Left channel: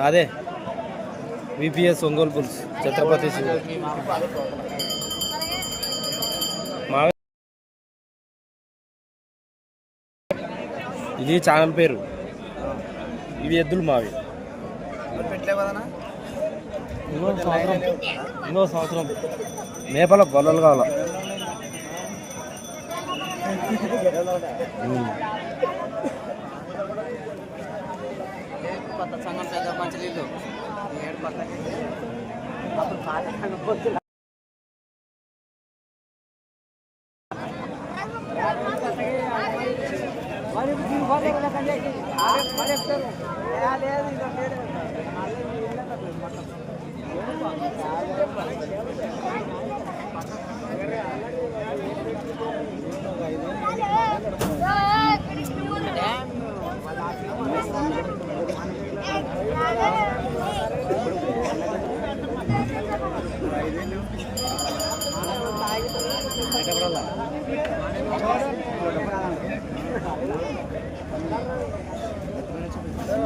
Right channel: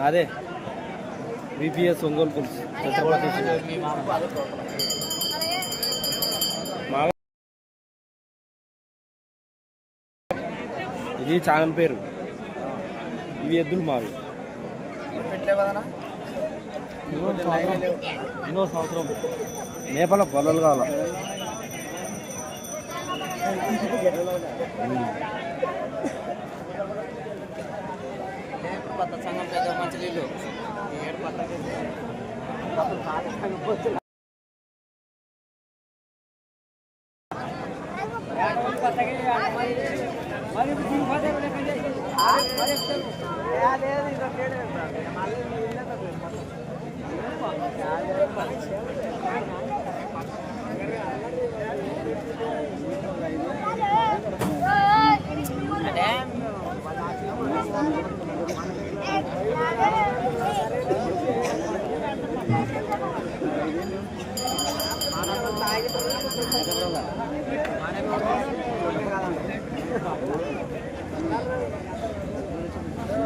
నాదే విపిఎస్ ఒంగోలు పులుసు. ఛత్రపతి ఇది ఛానల్ పేరు. ఇవి ఎద్దులు మావి ఇంకో సంవత్సరం. నేపాల సంవత్సరం మేపల కొత్త సంఘం పెద్ద మంచి నీళ్ళు ఏడు పట్లకి అప్పుడు పాత సంఘం పొత్తులు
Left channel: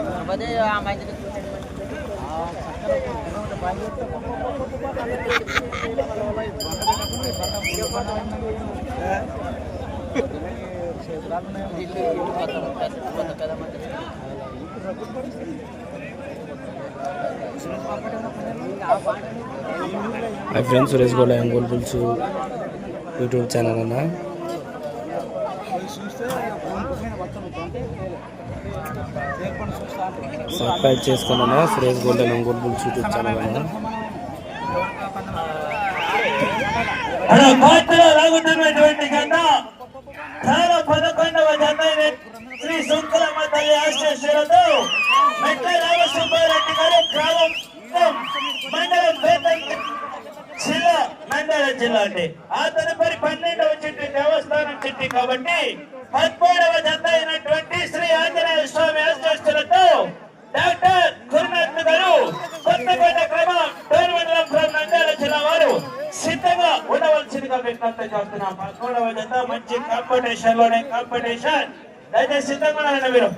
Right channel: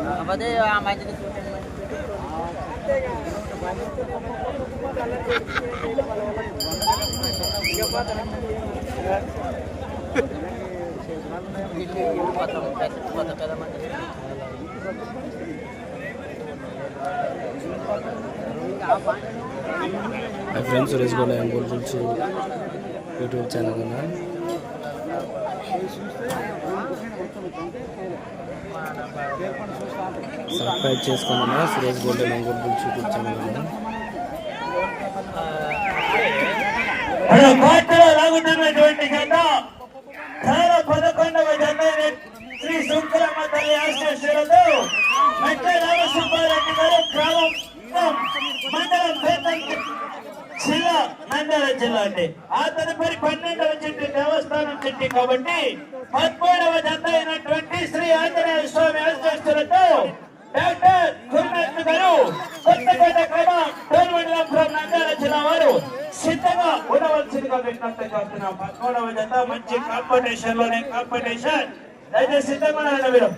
కాకపోతే ఆ మంచిది చూడండి మంచిది ఇల్లు ఇల్లు కొత్త పెద్ద కొత్త పెద్ద మంచిది మై ఫ్రెండ్స్ సురేష్ గోడ ఒంగోలు పులుసు యూట్యూబ్ ఛానల్ అన్న సబ్స్క్రైబ్ చేసుకోమన్నా సురేష్ గోల్డెన్ ఒంగోలు గురించి చూపించాను ఛానల్ కోర్టులో లాగుతున్నటువంటి గంట చాలా పదకొండవ జత శ్రీ సుంకరమ్మ తల్లి ఆశీస్సులతో మెట్ట రామసుబ్బారెడ్డి గారు గ్రామం మండలం పేదంకి జిల్లా నంద్యాల జిల్లా అండి ఆ తదుపరి పన్నెండవ చెట్టు దేవస్థానం చెట్టు కాబట్టి పదమూడవ జత అయినటువంటి శ్రీ ఆంజనేయ స్వామి ఆశీస్సులతో డాక్టర్ గురునాథ్ గారు కొత్తపేట క్రమం డోర్ మండలం ఫ్రం నంద్యాల జిల్లా వారు సిద్ధంగా ఉండవలసిందిగా విజ్ఞప్తి చేస్తున్నాం. పదమూడవ జత మంచి కాంపిటీషన్లోనే కాంపిటీషన్ అయితే సిద్ధంగా ఉన్నారండి మీరు?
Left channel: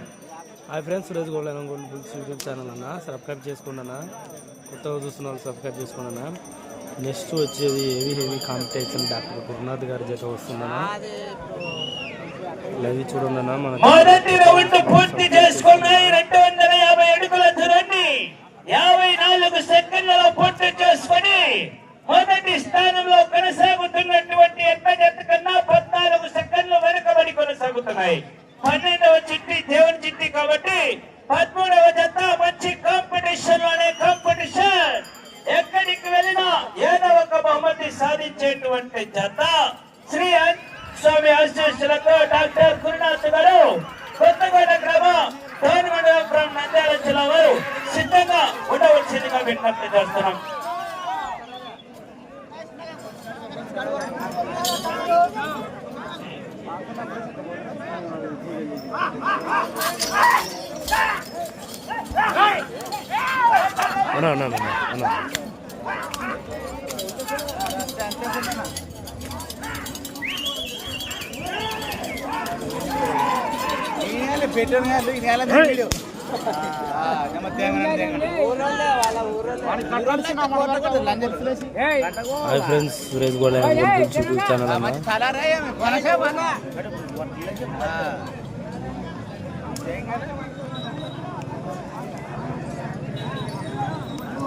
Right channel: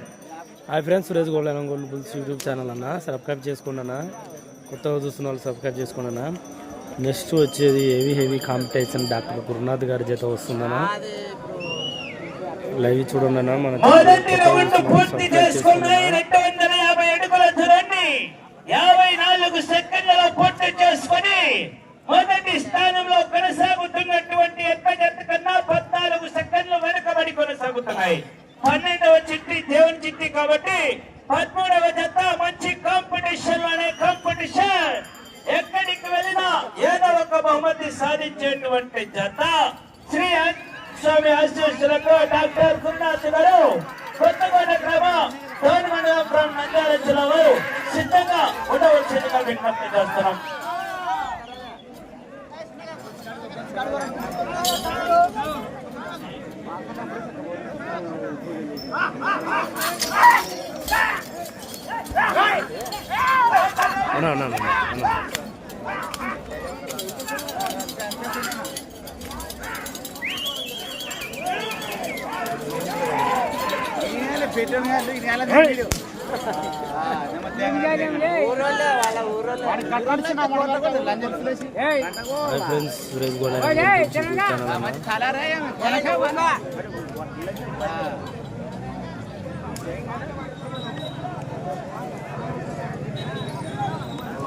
Hi friends Suresh golden Ongole పులుసు యూట్యూబ్ ఛానల్ అన్న. సబ్స్క్రైబ్ చేసుకోండి అన్న. కొత్తగా చూస్తున్న వాళ్ళు సబ్స్క్రైబ్ చేసుకోండి అన్న. నెక్స్ట్ వచ్చేది heavy heavy competition doctor Gurunath గారి చేత వస్తుందన్న లైవ్ చూడండి అన్న మన మొదటి రౌండ్ పూర్తి చేసుకున్నాయి. రెండు వందల యాభై అడుగుల దూరాన్ని యాభై నాలుగు సెకండ్లలో పూర్తి చేసుకొని మొదటి స్థానంలో కొనసాగుతున్నటువంటి ఎక్క జట్టు కన్నా పద్నాలుగు సెకండ్లు వెనుకబడి కొనసాగుతున్నాయి. పన్నెండవ చిట్టి దేవుని చిట్టి కాబట్టి పదమూడవ జత మంచి కాంపిటీషన్ అనే కాంపిటీషన్ ఎక్కడికి వెళ్ళినా ఏదో ఒక బహుమతి సాధించేటువంటి జత. శ్రీ స్వామి ఆశీస్సులకు డాక్టర్ గురునాథ్ గారు కొత్తగూడ గ్రామం డోన్ మండలం ఫ్రం నంద్యాల జిల్లా వారు సిద్ధంగా ఉండవలసిందిగా విజ్ఞప్తి చేస్తున్నాం. అన్న అన్న అన్న అన్న ఊరోళ్ళే వాళ్ళ ఊరోళ్ళే హాయ్ ఫ్రెండ్స్ సురేష్ పులుసు యూట్యూబ్ ఛానల్ అన్న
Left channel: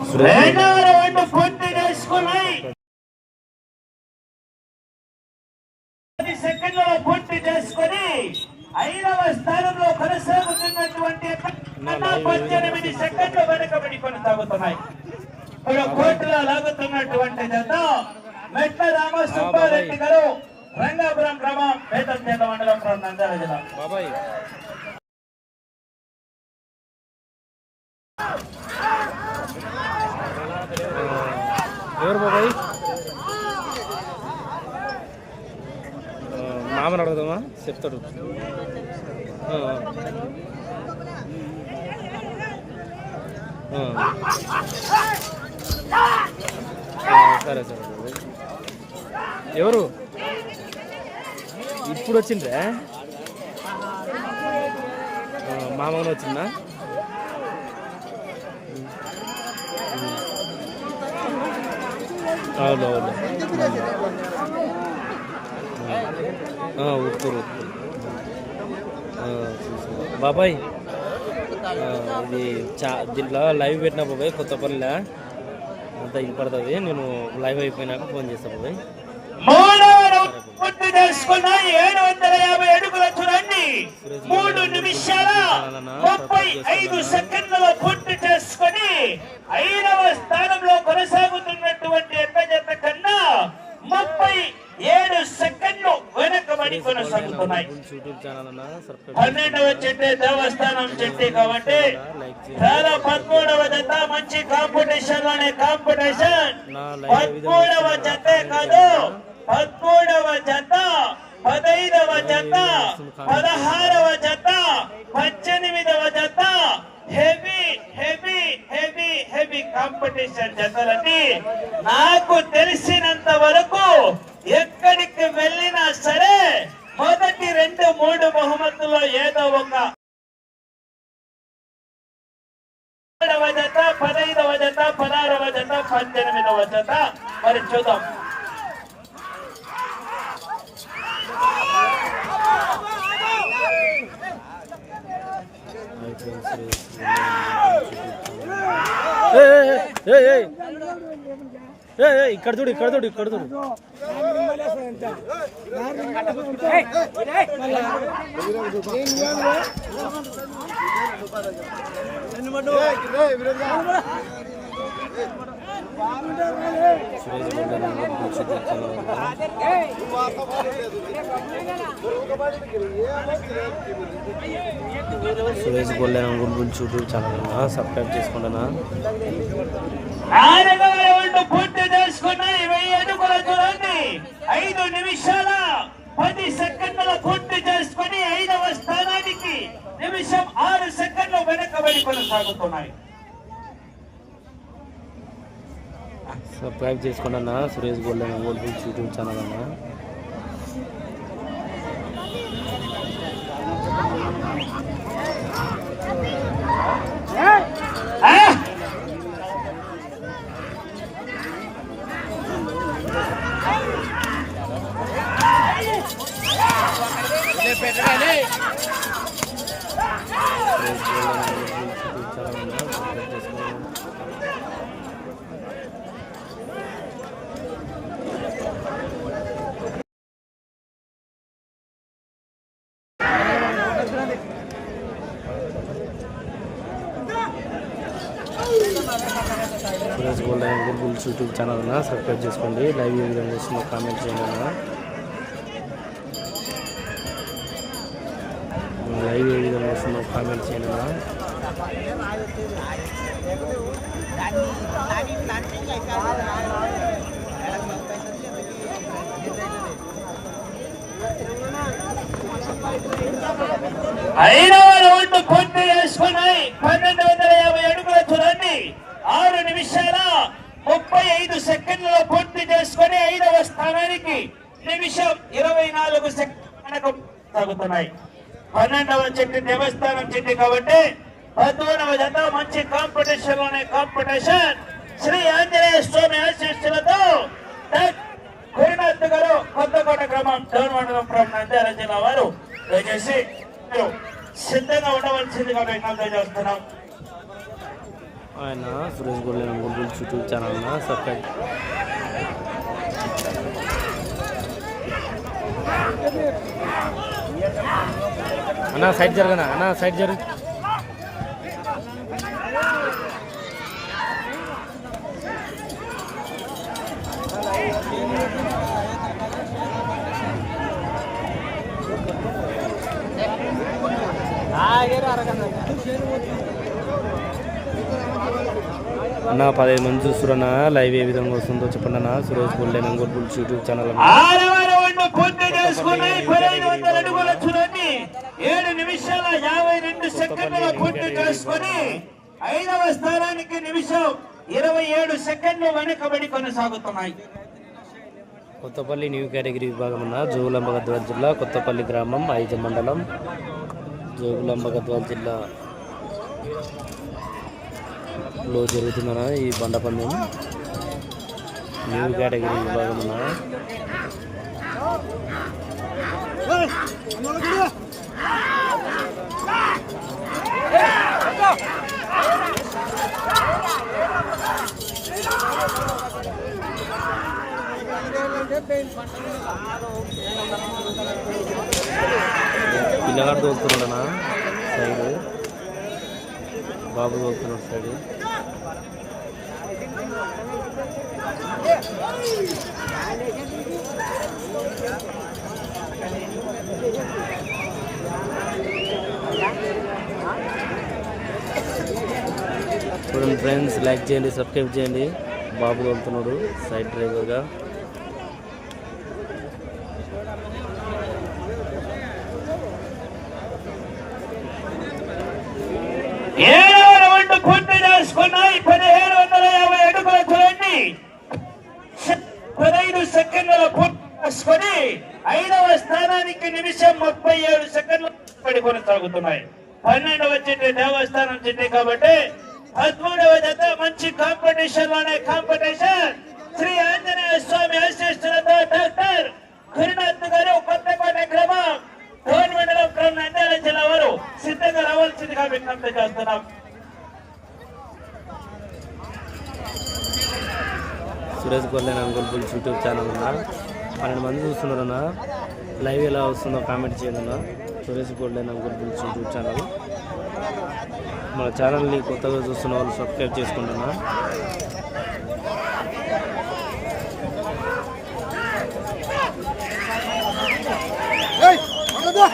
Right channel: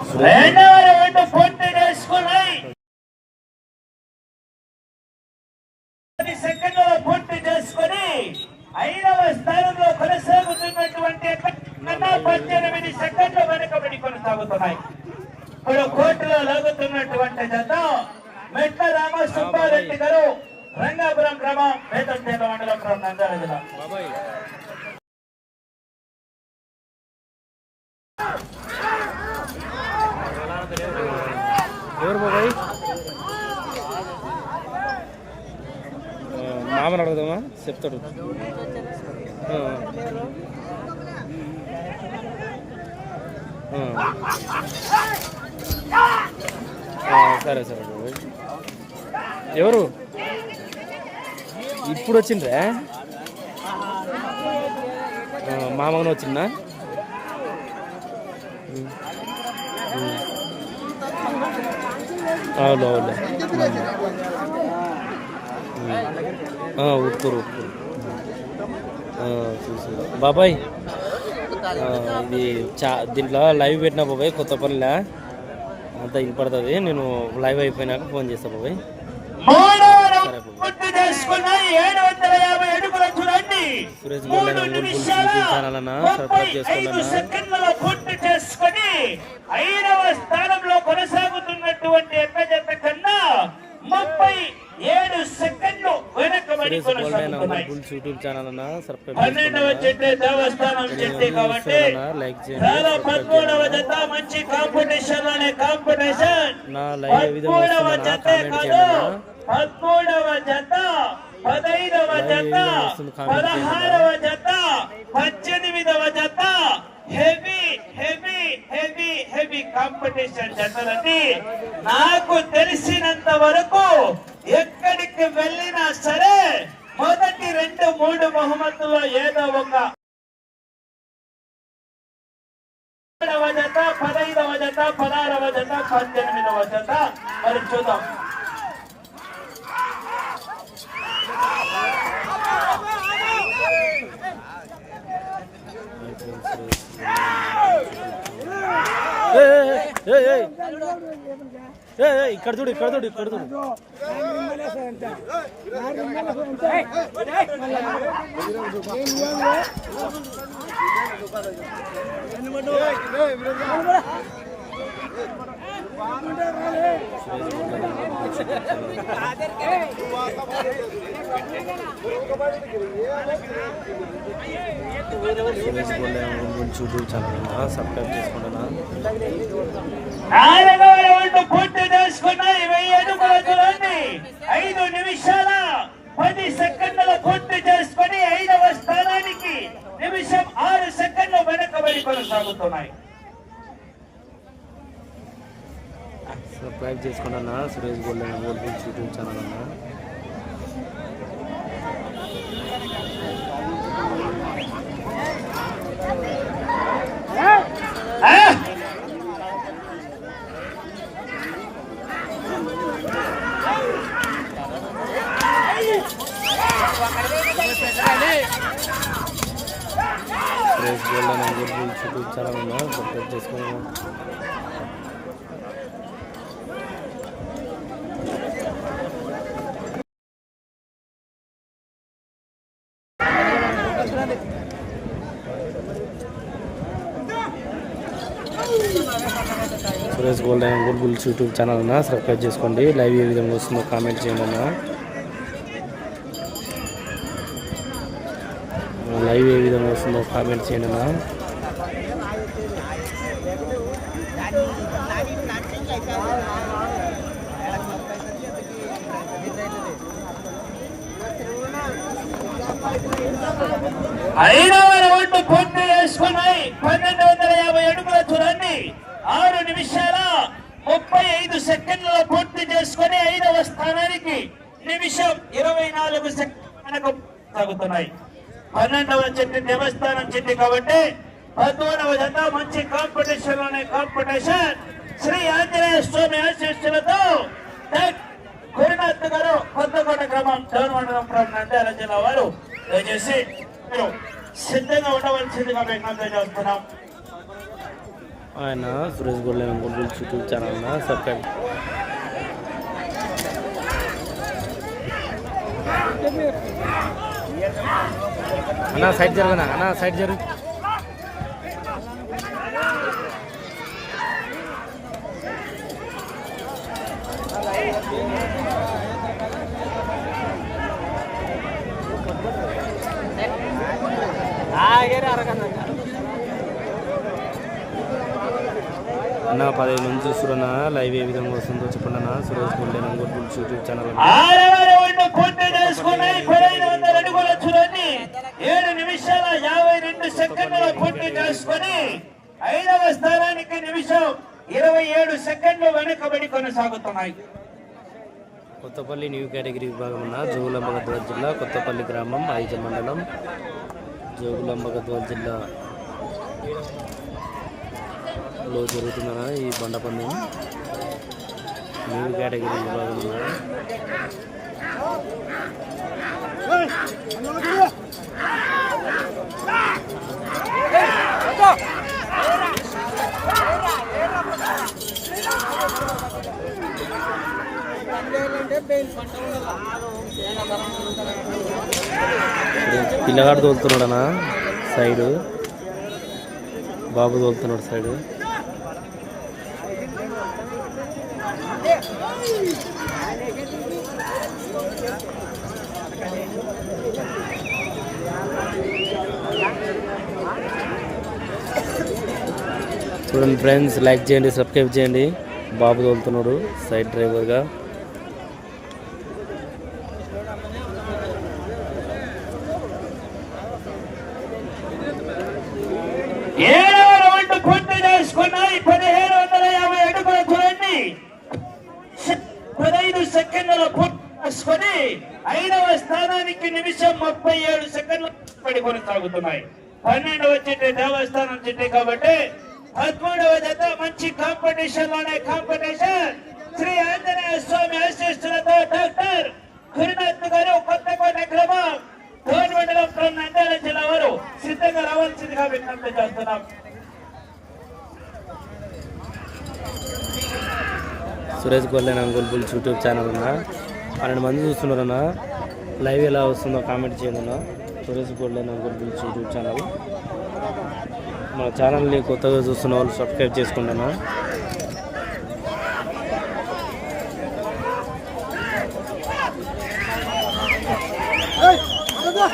సురేష్ రెండవ రౌండ్ పూర్తి చేసుకున్నాయి పది సెకండ్లలో పూర్తి చేసుకొని ఐదవ స్థానంలో కొనసాగుతున్నటువంటి కన్నా పద్దెనిమిది సెకండ్లు వెనుకబడి కొనసాగుతున్నాయి ఇప్పుడు కోర్టులో లాగుతున్నటువంటి జత మెట్ల రామ సుబ్బారెడ్డి గారు రంగాపురం గ్రామం పేదంతేట మండలం from నంద్యాల జిల్లా బాబాయ్ ఎవరు బాబాయ్ ఆ, మామని అడగదామా? చెప్తాడు. సరే సరే ఎవరు? ఇప్పుడు వచ్చిండ్రా? ఆ, మామగానే వచ్చిందా? అవును అవును ఉత్తురు ఉత్తురు చూసి. బాబాయ్ ఇది చా దీంట్లో లైవ్ పెట్టిన బాబాయ్ కొత్త పనిలా. అంతా వినపడుతుంది. నేను లైవ్ అయిపోయినాక ఫోన్ చేస్తా బాబాయ్. మూడు నిమిషాల ముప్పై ఐదు సెకండ్లలో పూర్తి చేసుకుని ఐదవ స్థానంలో కొనసాగుతున్నటువంటి ఎక్క జత కన్నా ముప్పై ఏడు సెకండ్లు వెనకబడి సురేష్ గోల్డెన్ కొనసాగుతున్నాయి బుల్స్ యూట్యూబ్ ఛానల్ పన్నెండవ చెట్టే దేవస్థానం చెట్టే కాబట్టి లైక్ చాలా చేయండి. పదమూడవ జత మంచి కాంపిటీషన్ అనే కాంపిటీషన్ పదమూడవ జతే కాదు. పదమూడవ జత పదైదవ జత పదహారవ జత పద్దెనిమిదవ జత heavy heavy heavy heavy competition జతలని నాకు తెలిసినంత వరకు ఎక్కడికి వెళ్ళినా సరే మొదటి రెండు మూడు బహుమతుల్లో ఏదో ఒక పదిహేడవ జత పదైదవ జత పదహారవ జత పద్దెనిమిదవ జత మరి చూద్దాం Hey, hey, hey. ఇక్కడ చూడు ఇక్కడ చూడు ఇక్కడ చూడు. Suresh golden bulls YouTube channel subscribe చేసుకుంటున్నా. నాలుగవ పూర్తి చేసుకున్నాయి. వెయ్యి అడుగుల దూరాన్ని ఐదు నిమిషాల పది సెకండ్ల పూర్తి చేసుకుని ఐదవ స్థానానికి నిమిషం ఆరు సెకండ్లు వెనకబడి కొనసాగుతున్నాయి. సబ్స్క్రైబ్ చేసుకోండి అన్న. Suresh gold gold YouTube channel అన్న ఆ? సురేష్ గోల్డెన్ చాలా ఉన్నాయి. ఛానల్ అన్న సబ్స్క్రైబ్ చేసుకుంటున్నా Suresh golden bulls YouTube channel అన్న సబ్స్క్రైబ్ చేసుకోండి. లైవ్ ఏ విధంగా వస్తుందో కామెంట్ చేయండి అన్న. లైవ్ ఏ విధంగా వస్తుందో కామెంట్ చేయండి అన్న. ఐదవ రౌండ్ పూర్తి చేసుకున్నాయి పన్నెండు వందల యాభై అడుగుల చూడండి ఆరు నిమిషాల ముప్పై ఐదు సెకండ్లలో పూర్తి చేసుకుని ఐదవ స్థానానికి నిమిషం ఇరవై నాలుగు సెకండ్ సాగుతున్నాయి. పన్నెండవ చెట్టు దేవస్థానం చెట్టు కాబట్టి పద్మూడవ జత మంచి కాంపిటీషన్లోనే కాంపిటీషన్ శ్రీ ఆంజనేయ స్వామి ఆశీస్సులతో డాక్ గురునాథ్ గారు కొత్తకోట గ్రామం డౌన్ మండలం ప్రాంతం నంద్యాల జిల్లా వారు దయచేసి సిద్ధంగా ఉండవలసిందిగా విజ్ఞప్తి చేస్తున్నాం. ఆయన Suresh golden bulls YouTube channel subscribe. అన్నా సైడ్ జరగనా? అన్నా సైడ్ జరుగు అన్న పదిహేను మంది చూస్తున్నా లైవ్ ఏ విధంగా వస్తుందో చెప్పండి అన్న. సురేష్ గుండె బుల్స్ యూట్యూబ్ ఛానల్ పూర్తి చేసుకున్నాయి. పదహైదు వందల అడుగుల చూడండి ఏడు నిమిషాల యాభై రెండు సెకండ్ల పూర్తి చేసుకొని ఐదవ స్థానానికి నిమిషం ఇరవై ఏడు సెకండ్లు వెనుకబడి కొనసాగుతున్నాయి. కొత్తపల్లి న్యూ కేటగిరీ విభాగం ఉన్న జోగులాంబ గద్వాల జిల్లా కొత్తపల్లి గ్రామం ఐజ మండలం జోగులాంబ గద్వాల జిల్లా లో జరుగుతుందన్న ఈ బండ పందెం? న్యూ కేటగిరీ విభాగం ఉన్న పిల్లగాడు తోలుతున్నాడనా? సైడ్. బాబు తోలుతున్నాడు సైడ్. చూడండి ఫ్రెండ్స్ లైక్ చేయండి సబ్స్క్రైబ్ చేయండి. బాబు తోలుతున్నాడు సైడ్ డ్రైవర్గా. ఏడవ రౌండ్ పూర్తి చేసుకున్నాయి పదిహేను వందల యాభై అడుగుల చూడండి పదహైదు సెకండ్ల పూర్తి చేసుకుని ఐదవ స్థానానికి నిమిషం ముప్పై ఏడు సెకండ్లు పడి కొనసాగుతున్నాయి. పన్నెండవ చెట్టు దేవస్థానం చెట్టు కాబట్టి పదమూడవ జత మంచి కాంపిటీషన్లోనే కాంపిటీషన్ శ్రీ ఆంజనేయ స్వామి ఆశీస్సులతో డాక్టర్ గురునాథ్ గారు కొత్తకోట గ్రామం టోల్ మండలం from నంద్యాల జిల్లా వారు సిద్ధంగా రావాల్సిందిగా విజ్ఞప్తి చేస్తున్నాం. Suresh golden Ongole bulls YouTube channel ఉన్నా. పన్నెండు మంది చూస్తున్నారన్న. లైవ్ ఎలా వస్తుందో కామెంట్ చేయండి అన్న Suresh golden Ongole bulls YouTube channel. మన ఛానల్ని కొత్తగా చూస్తున్న వాళ్ళు సబ్స్క్రైబ్ చేసుకోండి అన్న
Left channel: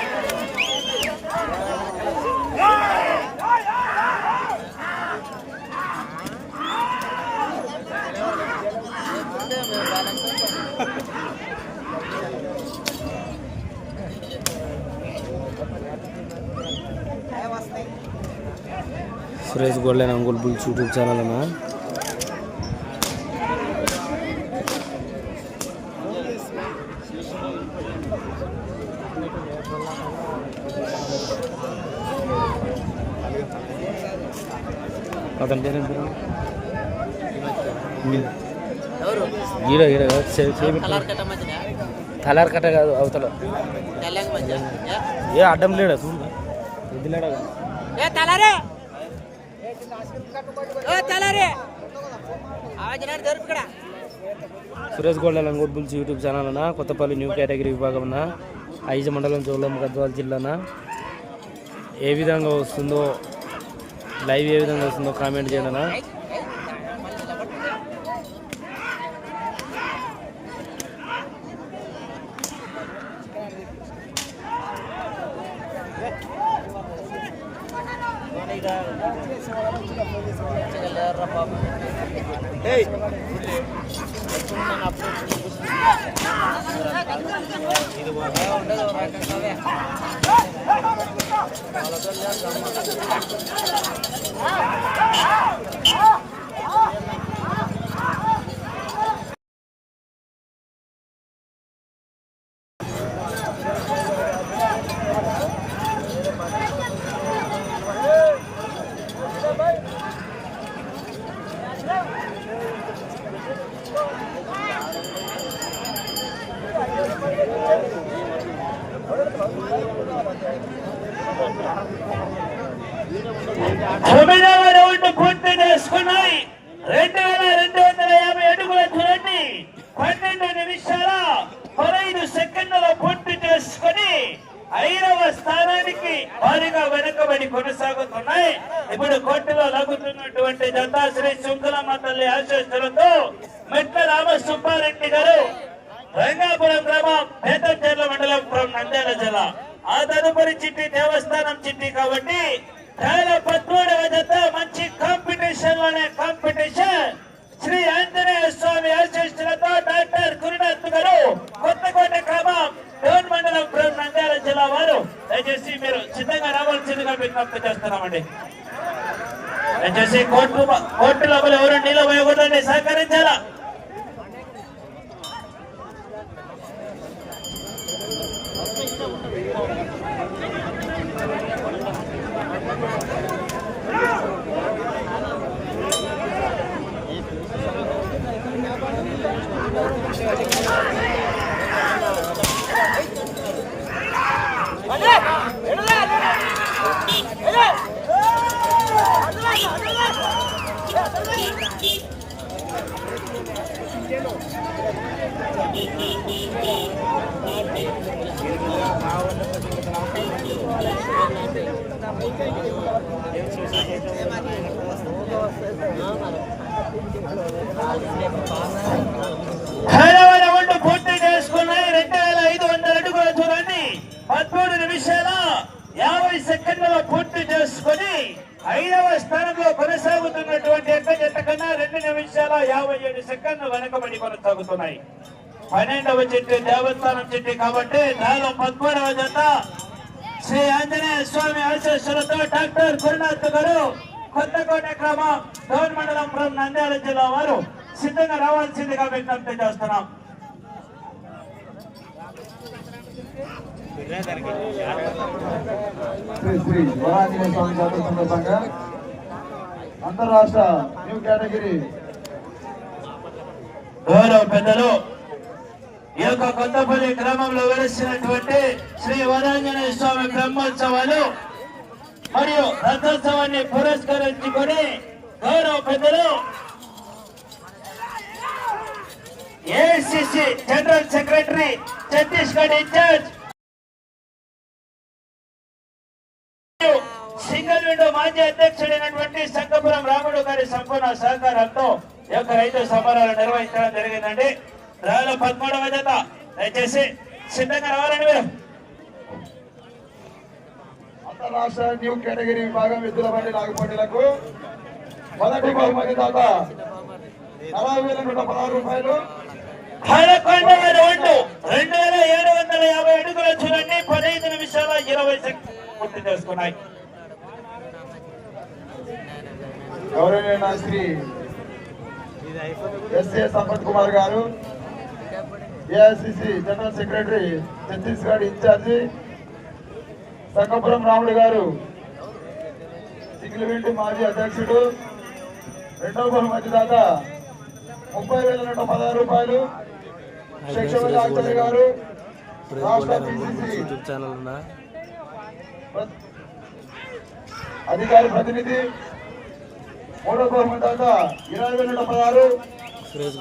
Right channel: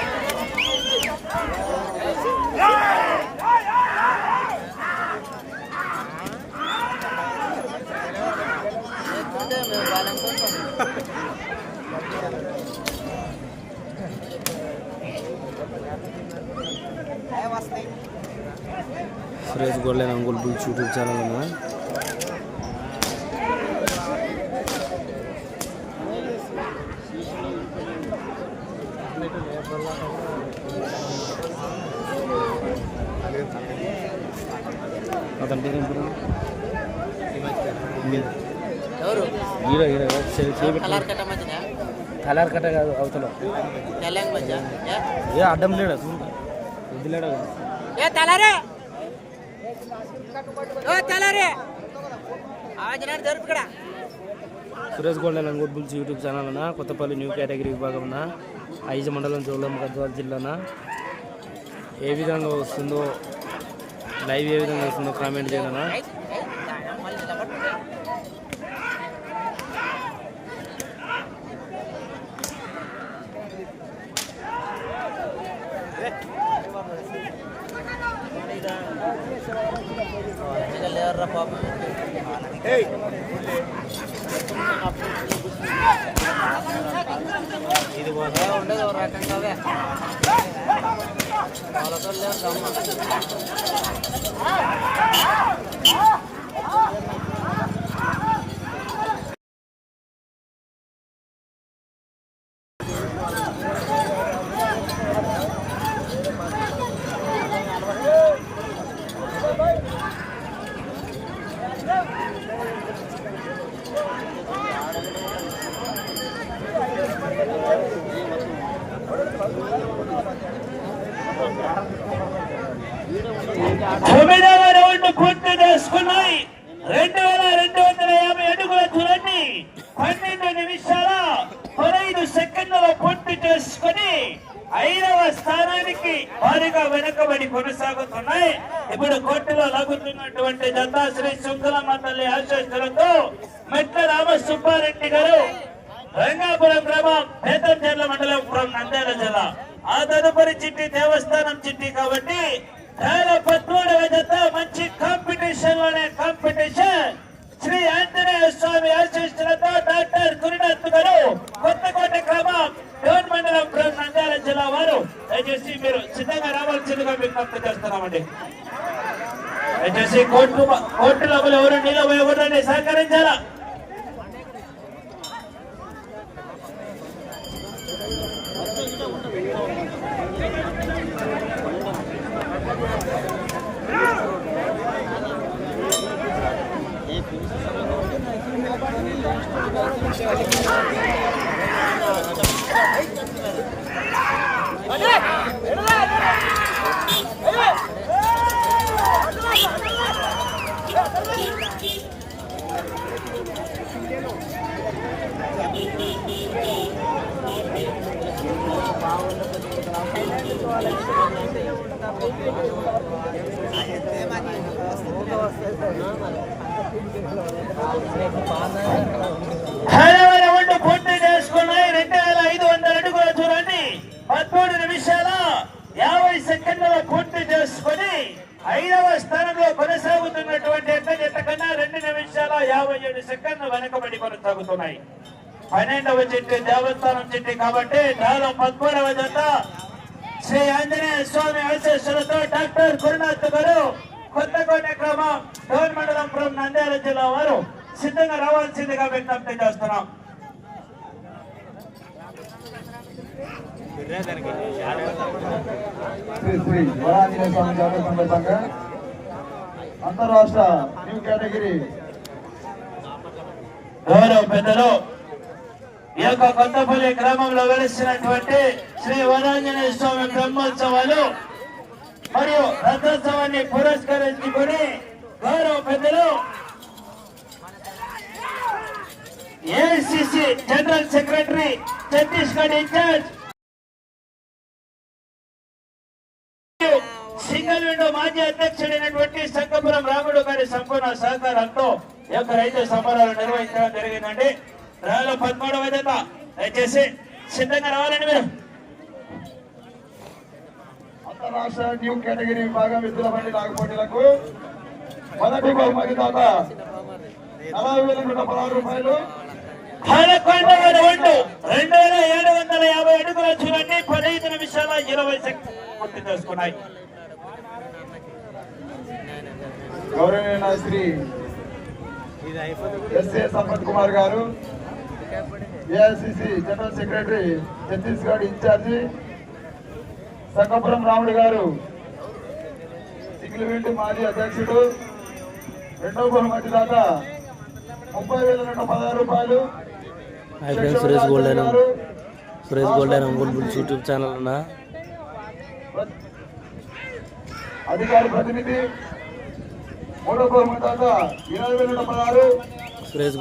Suresh golden Ongole bulls YouTube channel అన్న అతని పేరు ఏం పేరు? ఎవరు ఈడ ఈడ చే- చేయి కలర్ కట్ట కాదు అవతల. ఏ? అడ్డం లేడా? చూడు. ఎద్దు లేడా? ఏ తలారే ఓ తలారే సురేష్ గోల్డ్ లంగోట్ బుల్స్ యూట్యూబ్ ఛానల్ అన్న కొత్తపల్లి న్యూ కేటగిరీ విభాగం అన్న ఐజ మండలం జోలమ్మ గద్వాల జిల్లాన? ఏ విధంగా వస్తుందో లైవ్ ఏ విధంగా వస్తుందో కామెంట్ చేయనా? Ah! పన్నెండు నిమిషాల పదహైదు సెకండ్ల పూర్తి చేసుకుని ఐదవ స్థానానికి భారీగా వెనకబడి కొనసాగుతున్నాయి. ఇప్పుడు కోర్టులో లాగుతున్నటువంటి దత్తాశ్రీ శ్రీ శుంకులమ్మ తల్లి ఆశీస్సులతో એટલે સહકારે హైదరాబాద్ పూర్తి చేసుకున్నాయి రెండు వేల ఐదు వందల అడుగుల చూడండి పదమూడు నిమిషాల యాభై సెకండ్ల పూర్తి చేసుకుని ఐదవ స్థానంలో కొనసాగుతున్నటువంటి ఎట్ట కన్నా రెండు నిమిషాల యాభై ఏడు సెకండ్లు వెనకబడి కొనసాగుతున్నాయి. పన్నెండవ చెట్టు దేవస్థానం చెట్టు కాబట్టి దానిలో పదమూడవ జత శ్రీ ఆంజనేయ స్వామి ఆశీస్సులతో డాక్టర్ గురునాథ్ గారు కొత్తకోట గ్రామం డోన్ మండలం from నంద్యాల జిల్లా వారు సిద్ధంగా రావాల్సిందిగా విజ్ఞప్తి చేస్తున్నాం. శ్రీ శ్రీ వరాంజనేయ స్వామి జాతర సందర్భంగా అంతరాష్ట్ర న్యూ కేటగిరీ గౌరవ పెద్దలు ఈ యొక్క కొత్తపల్లి గ్రామంలో వెలిసినటువంటి శ్రీ వరాంజనేయ స్వామి బ్రహ్మోత్సవాలు మరియు రథోత్సవాన్ని పురస్కరించుకుని గౌరవ పెద్దలు AICC general secretary Chhattisgarh in-charge single window మాజీ అధ్యక్షుడైనటువంటి సంగపురం రాముడు గారి సంపూర్ణ సహకారంతో యొక్క రైతు సమరాలు నిర్వహించడం జరిగిందండి. రాయల పద్మూడవ జత దయచేసి సిద్ధంగా రావాలని మీరు. అంతరాష్ట్ర న్యూ కేటగిరీ విభాగం ఎద్దుల బండి నాగపోటీలకు మొదటి బహుమతి దాత నలభై వేల నూట పదహారు రూపాయలు. రెండు. వేల ఏడు వందల యాభై అడుగుల చూడండి. పదహైదు నిమిషాల ఇరవై సెకండ్ పూర్తి చేసుకున్నాయి. గౌరవనీయ శ్రీ ఎస్ఏ సంపత్ కుమార్ గారు AICC general secretary Chhattisgarh in-charge Sangapuram Ramudu గారు సిగిలివింటి మాజీ అధ్యక్షుడు. రెండవ బహుమతి దాత ముప్పై వేల నూట పదహారు రూపాయలు. Suresh Suresh Ongole bulls YouTube channel ఉన్నా అధికారి ప్రతినిధి మూడవ బహుమతి దాత ఇరవై వేల నూట పదహారు. సురేష్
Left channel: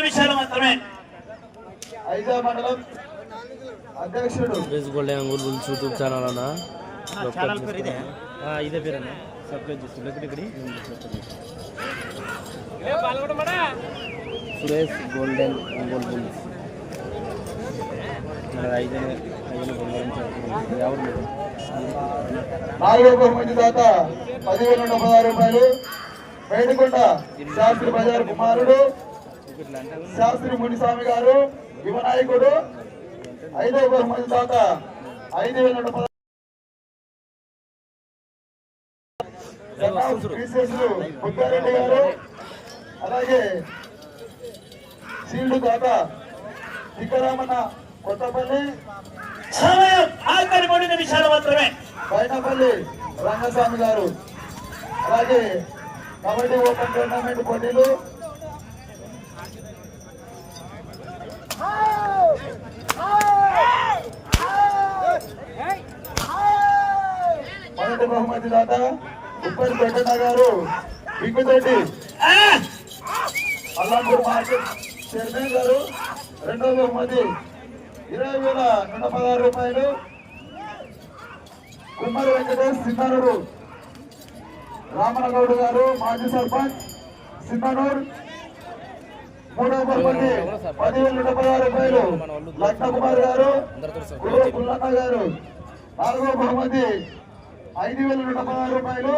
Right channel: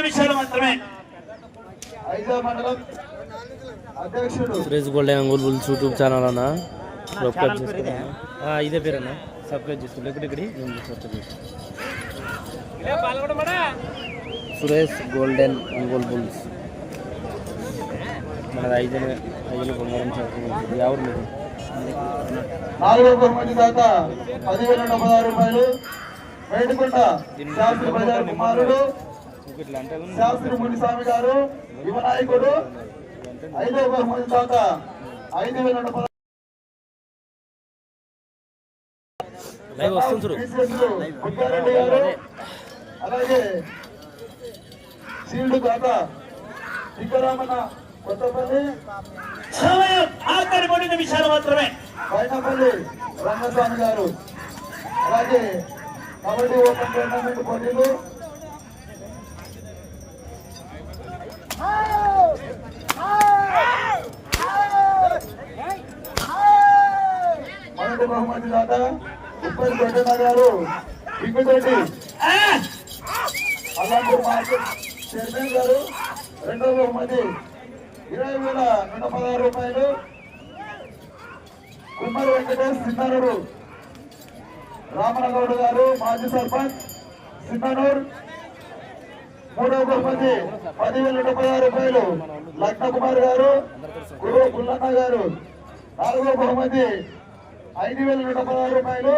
నిమిషాలు మాత్రమే. ఐజా మండలం Suresh golden Ongole bulls YouTube channel అన్నా. ఇదే? పేరు అన్న. సబ్స్క్రైబ్ చేసుకోండి. ఇక్కడ ఇక్కడ సురేష్ గోల్డెన్ అంగుల్ బుల్స్. ఐదు ఐదు నాలుగవ బహుమతి దాత పదివేల రూపాయలు. శాస్త్రి బజార్ కుమారుడు శాస్త్రి మునిస్వామి గారు యువ నాయకుడు. ఐదవ బహుమతి దాత ఐదు వేల బుద్ధారెడ్డి గారు అలాగే సీల్డ్ దాత విక్రమణ కొత్తపల్లి. సమయం ఆఖరి మూడు నిమిషాలు మాత్రమే. పైనపల్లి రంగస్వామి గారు అలాగే కబడ్డీ ఓపెన్ టోర్నమెంట్ పోటీలు. మొదటి బహుమతి దాత ఉప్పల్ పెద్దన్న గారు. ఆ! అల్లాపూర్ మార్కెట్ చైర్మన్ గారు రెండవ బహుమతి ఇరవై వేల నూట పదహారు రూపాయలు. కుమ్మరి వెంకటేష్ సిన్ననూరు రామనగౌడ్ గారు మాజీ సర్పంచ్ సిన్ననూరు మూడవ బహుమతి పదివేల నూట పదహారు రూపాయలు. లక్ష్మ కుమార్ గారు గురు పుల్లన్న గారు. నాలుగవ బహుమతి ఐదు వేల నూట పదహారు రూపాయలు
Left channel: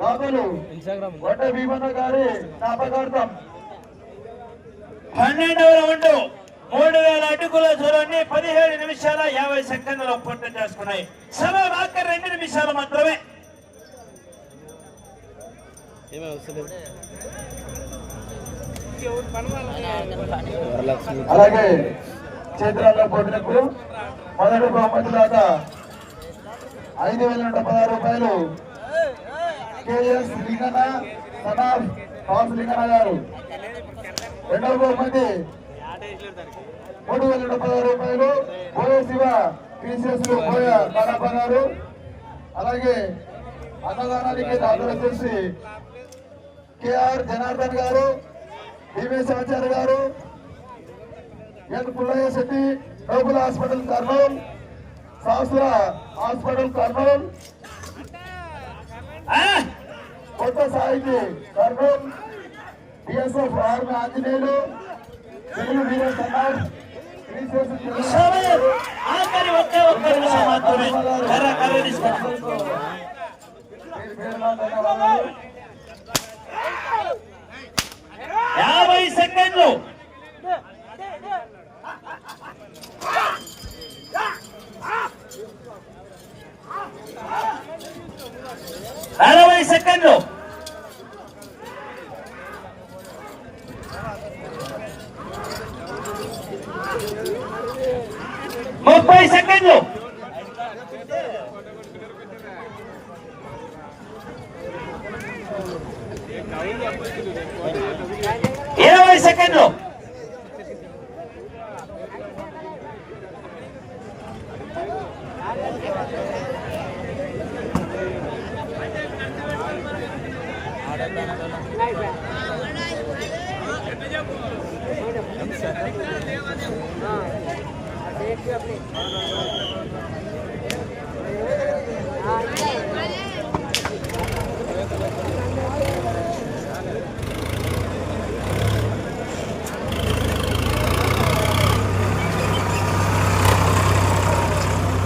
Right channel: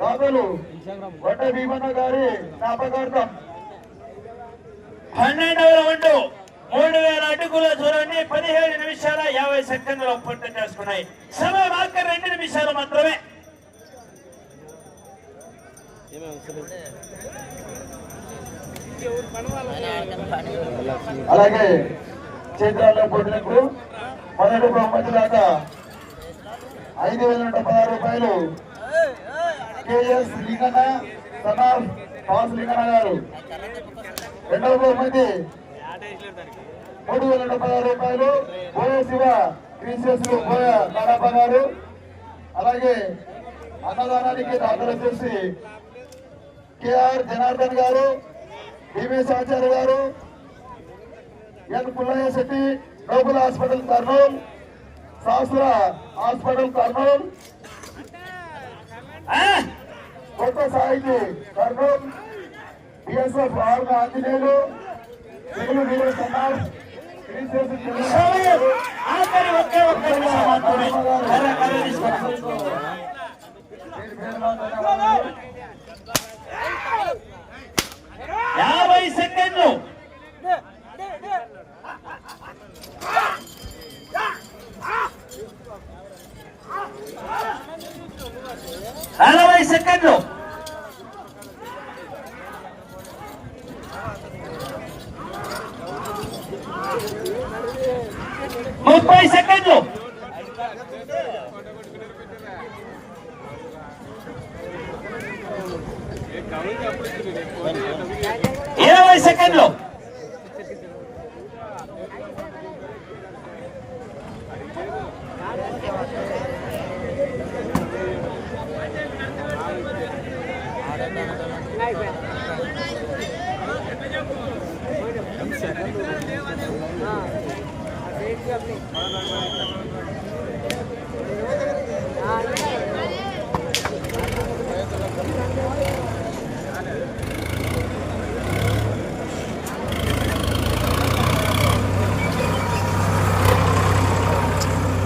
దాతలు వడ్డ భీమన్న గారి జ్ఞాపకార్థం. పన్నెండవ రౌండ్ మూడు వేల అడుగుల దూరాన్ని పదిహేడు నిమిషాల యాభై సెకండ్లలో పూర్తి చేసుకున్నాయి. సమయం ఆఖరి రెండు నిమిషాలు మాత్రమే. అలాగే చేతుల పోటీలకు మొదటి బహుమతి దాకా ఐదు వేల నూట పదహారు రూపాయలు K S Linganna son of తాస్ Linganna గారు. రెండవ బహుమతి మూడు వేల నూట పదహారు రూపాయలు బోయ శివ పిసిఎస్ బోయ కాడప్ప గారు. అలాగే అన్నదానానికి దాఖలు వచ్చేసి కేఆర్ జనార్దన్ గారు భీమేశ్ ఆచార్య గారు N Pullaiah Setty noble hospital Kurnool Sastra hospital Kurnool? కొత్త సాహితి కర్నూలు. బిఎస్ఎఫ్ ఆర్మ ఆంజనేయులు. తెలుగు వీరస్ అన్నారు సమయం ఆఖరి ఒకే ఒక్క నిమిషం మాత్రమే కర్ర కర్ర తీసుకోండి. యాభై సెకండ్లు నలభై సెకండ్లు ముప్పై సెకండ్లు ఇరవై సెకండ్లు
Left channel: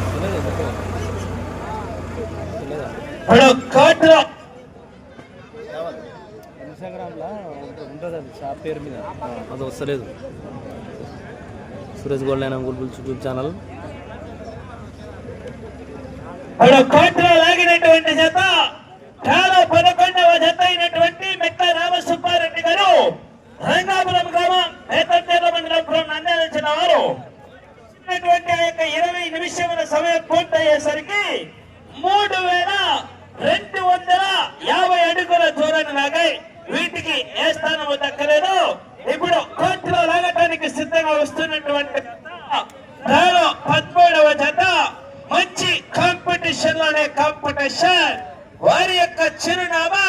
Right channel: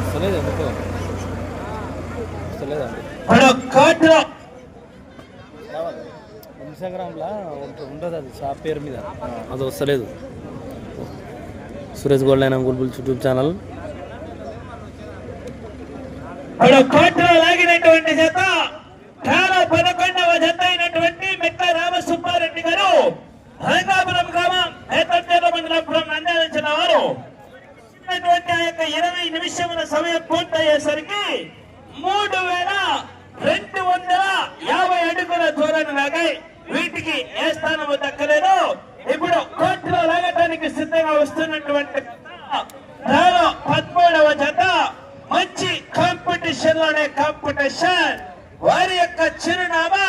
వస్తలేదు ఎందుకో వస్తలేదా ఇప్పుడు కోర్టులో ఇన్స్టాగ్రామ్లో ఉంటుంది అది షాప్ పేరు మీద. అది వస్తలేదు. సురేష్ గోల్డ్ అయిన గుల్బుల్స్ యూట్యూబ్ ఛానల్. ఇప్పుడు కోర్టులో లాగినటువంటి జత చాలా పదకొండవ జత అయినటువంటి మెట్ట రామసుబ్బారెడ్డి గారు రంగాపురం గ్రామం ఏతంజల మండలం అందించిన వారు. ఇచ్చినటువంటి ఆ యొక్క ఇరవై నిమిషముల సమయం పూర్తయ్యేసరికి మూడు వేల రెండు వందల యాభై అడుగుల దూరాన్ని లాగాయి. వీటికి ఏ స్థానము దక్కలేదు ఇప్పుడు కోర్టులో లాగటానికి సిద్ధంగా వస్తున్నటువంటి పద్మూడవ జత మంచి కాంపిటీషన్లోనే కాంపిటీషన్ వారి యొక్క చిరునామా